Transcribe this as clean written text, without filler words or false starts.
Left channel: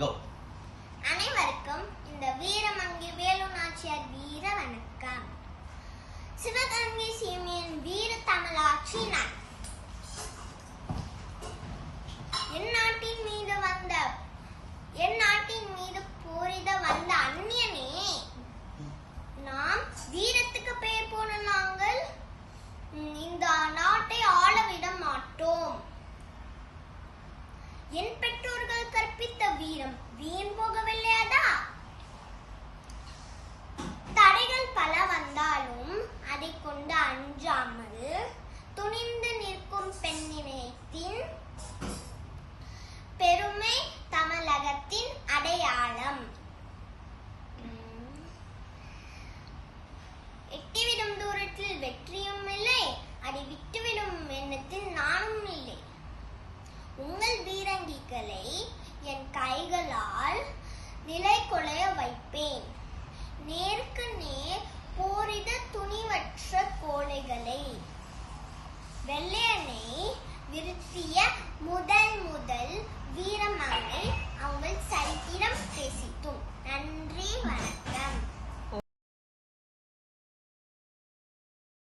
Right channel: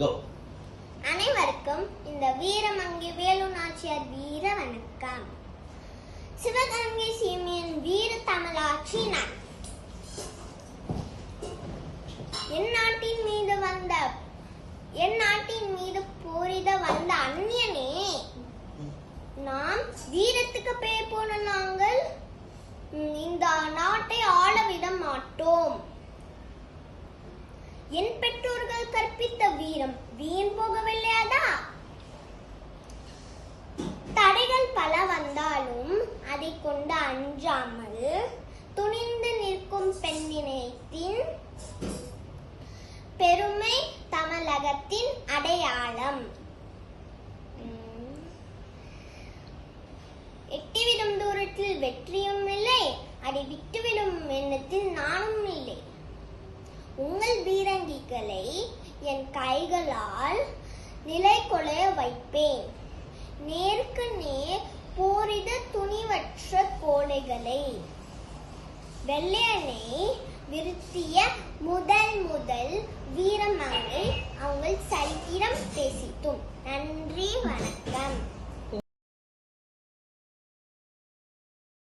Go. அனைவருக்கும் இந்த வீரமங்கை வேலு நாச்சியார் வீர வணக்கம். சிவகங்கை சீமையின் வீர தமிழாட்சி நான். என் நாட்டின் மீது போரிட வந்த அந்நியனே, நாம் வீரத்துக்கு பெயர் போன நாங்கள் இந்த நாட்டை ஆள விட மாட்டோம். என் பெற்றோர்கள் கற்பித்த வீரம் வீண் போகவில்லையாதா? தடைகள் பல வந்தாலும் அதை கொண்டு அஞ்சாமல் துணிந்து நிற்கும் பெண்ணினத்தின் பெருமை தமிழகத்தின் அடையாளம். எட்டிவிடும் தூரத்தில் வெற்றியும் இல்லை, அடி விட்டுவிடும் எண்ணத்தில் நானும் இல்லை. உங்கள் வீரங்கிகளை என் கைகளால் நிலை கொலைய வைப்பேன். நேருக்கு நேர் போரிட துணிவற்ற கோழைகளை. வெள்ளையனை விருத்திய முதல் வீரமங்கை அவங்கள் சரித்திரம் பேசிட்டோம். நன்றி, வணக்கம்.